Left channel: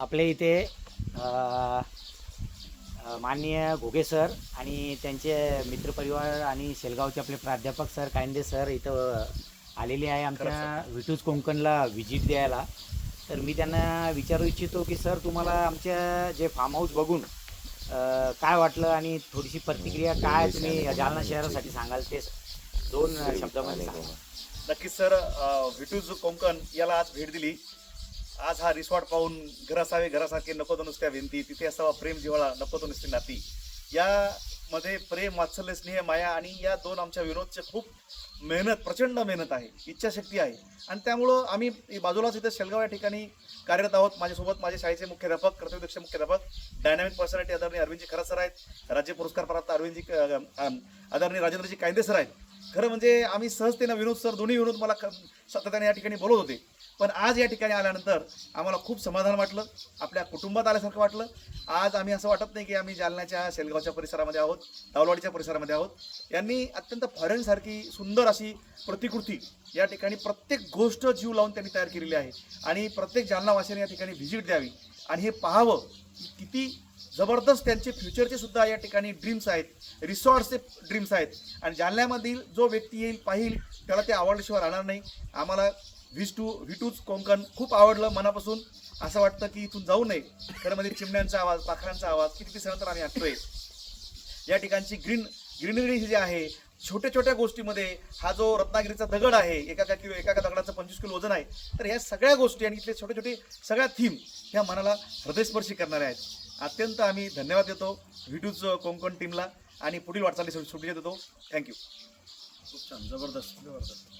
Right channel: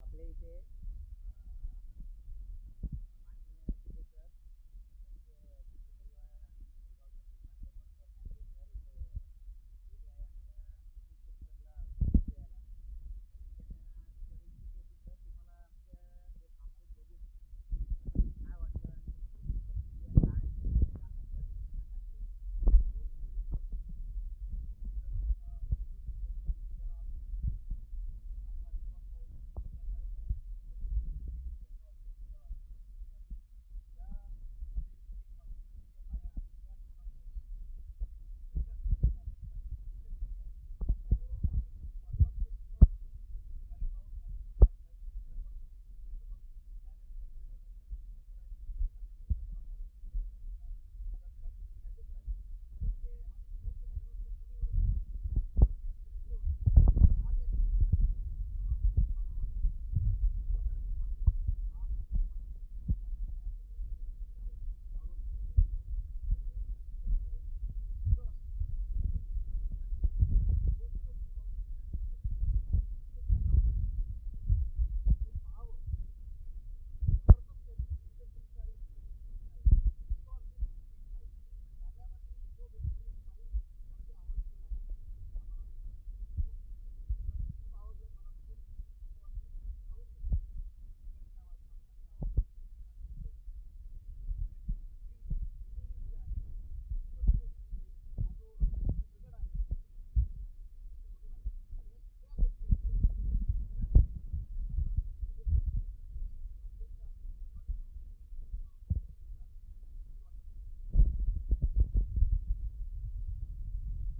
आपल्या इथे माननीय घोगे सर आणि त्यांचे मित्रपरिवार आणि शेलगावचे आपले प्राध्यापक सर कायंदे सर इथं आलेले आहे आमच्या विटूज कोकणला व्हिजिट द्यायला. तर मी त्यांना विचारू इच्छितो की सर तुम्हाला आमच्या जे फार्म हाऊस बघून काय वाटलं आणि थोडीशी प्रतिक्रिया काय तुम्ही जालना शहरासाठी सांगाल ते दोन शब्दामध्ये सांगा. नक्कीच सर, विटूज कोकण याला आज भेट दिली. आज हा रिसॉर्ट पाहून घर असावे घरासारखे नको तो नुसत्या भिंती, तिथे असावा प्रेम जिव्हाळा नको तो नुसती नाती. यामध्ये प्रेम, वात्सल्य, स्नेह, माया आणि या दोन आमच्या विनोदचे खूप मेहनत, प्रचंड मेहनत आहे, इच्छाशक्ती आहे. आणि त्यामुळं आम्ही बाजूलाच इथे शेलगाव या ठिकाणी कार्यरत आहोत. माझ्यासोबत माझे शाळेचे मुख्याध्यापक, कर्तव्यदक्ष मुख्याध्यापक, डायनॅमिक पर्सनॅलिटी आदरणीय अरविंदजी खरात सर आहेत, राज्य पुरस्कार प्राप्त आदरणीय राजेंद्रजी कायंदे सर आहेत. खरं म्हणजे आम्ही सहजतेनं विनोद सर, दोन्ही विनोद मला सातत्याने या ठिकाणी बोलत होते. पण आज या ठिकाणी आल्यानंतर आम्हाला खूप समाधान वाटलं, आपल्या कुटुंबात आल्यासारखं वाटलं. आज आम्ही असं वाटत नाही की आम्ही जालन्याच्या शेलगावच्या परिसरामध्ये आहोत, दावलवाडीच्या परिसरामध्ये आहोत. यांनी अत्यंत फॉरेनसारखी सुंदर अशी प्रतिकृती या ठिकाणी प्रत्येक गोष्ट जीव लावून त्यांनी तयार केलेली आहे. आणि प्रत्येक जालनावासियांनी या ठिकाणी व्हिजिट द्यावी आणि हे पाहावं की किती जबरदस्त त्यांचे फ्युचरचे सुद्धा या ठिकाणी ड्रीम्स आहेत, रिसॉर्ट्सचे ड्रीम्स आहेत. आणि जालन्यामधील जो व्यक्ती येईल पाहिल त्याला ते आवडल्याशिवाय राहणार नाही. आम्हाला विटूज कोकण खूप आवडलं मनापासून. असं वाटतं की इथून जाऊ नये. खरं म्हणजे चिमण्यांचा आवाज, पाखरांचा आवाज किती दिवसानंतर आम्ही ऐकतोय. या ठिकाणची ग्रीनरी जी आहे, छोट्या छोट्या गोष्टीमध्ये हा जो रत्नागिरीचा दगड आहे, एका दगडाचं 25 किलो वजन आहे. तर ह्या सगळ्या गोष्टी आणि इथले छोटे छोटे सगळ्या थीम ह्या मनाला हृदयस्पर्शी करणाऱ्या आहेत. अत्यंत आम्ही धन्यवाद देतो विटूज कोकण टीमला आणि पुढील वाटचाली शुभेच्छा देतो. थँक्यू. खूप छान, जबरदस्त.